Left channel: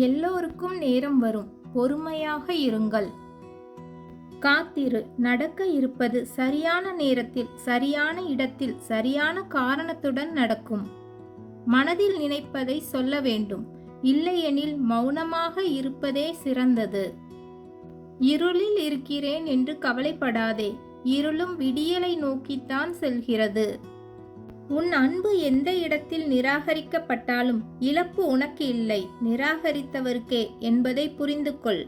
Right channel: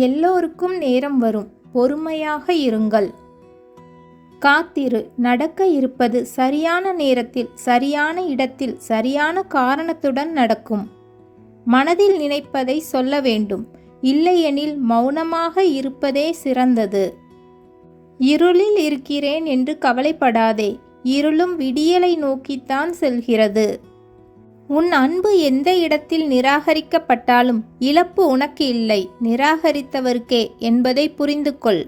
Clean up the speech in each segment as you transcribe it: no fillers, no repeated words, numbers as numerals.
எல்லோருக்கும் நேரம் வரும், பொறுமையாக இருங்கள். காத்திரு. நடக்க இருப்பது சரியான நேரத்தில், சரியான இடத்தில், சரியான காரணத்துடன் நடக்கும். மனதில் நினைப்பதை சொல்ல வேண்டும், இல்லையெனில் மௌனமாக இருப்பதே சிறந்தது. இருளில் இருக்கிறேன் என்று கவலைப்படாதே, இருளும் விடியலை நோக்கித்தான் செல்கிறது. உன் அன்பு எந்த இடத்தில் நிராகரிக்கப்பட்டாலும் இழப்பு உனக்கு இல்லை, நிராகரித்தவர்க்கே என்பதை புரிந்து கொள்.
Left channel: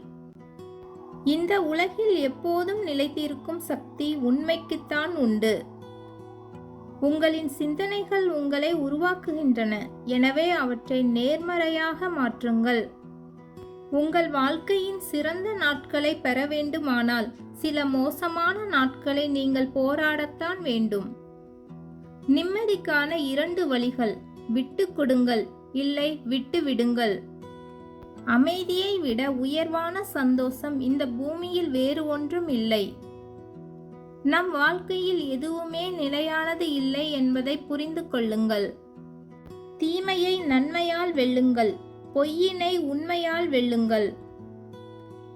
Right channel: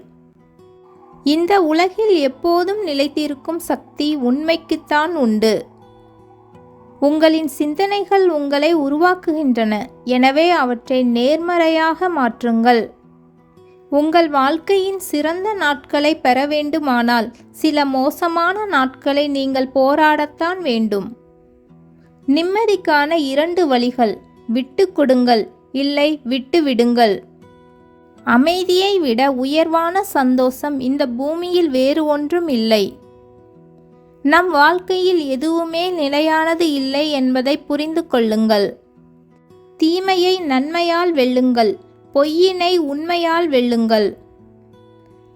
இந்த உலகில் எப்போதும் நிலைத்திருக்கும் சக்தி உண்மைக்குத்தான் உண்டு. உங்களின் சிந்தனைகள் உங்களை உருவாக்குகின்றன, எனவே அவற்றை நேர்மறையாக மாற்றுங்கள். உங்கள் வாழ்க்கையின் சிறந்த நாட்களை பெற வேண்டுமானால் சில மோசமான நாட்களை நீங்கள் போராடத்தான் வேண்டும். நிம்மதிக்கான 2 வழிகள்: விட்டு கொடுங்கள், இல்லை விட்டு விடுங்கள். அமைதியை விட உயர்வான சந்தோஷம் இந்த பூமியில் வேறு ஒன்றும் இல்லை. நம் வாழ்க்கையில் எதுவுமே நிலையானது இல்லை என்பதை புரிந்து கொள்ளுங்கள். தீமையை நன்மையால் வெல்லுங்கள், பொய்யினை உண்மையால் வெல்லுங்கள்.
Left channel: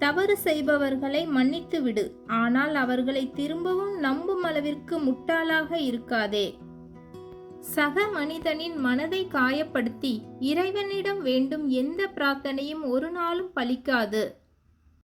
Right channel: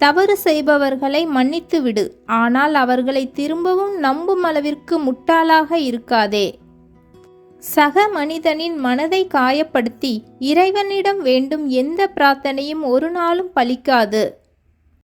தவறு செய்பவர்களை மன்னித்துவிடு, ஆனால் அவர்களை திரும்பவும் நம்பும் அளவிற்கு முட்டாளாக இருக்காதே. சக மனிதனின் மனதை காயப்படுத்தி இறைவனிடம் வேண்டும் எந்த பிரார்த்தனையும் ஒரு நாளும் பலிக்காது.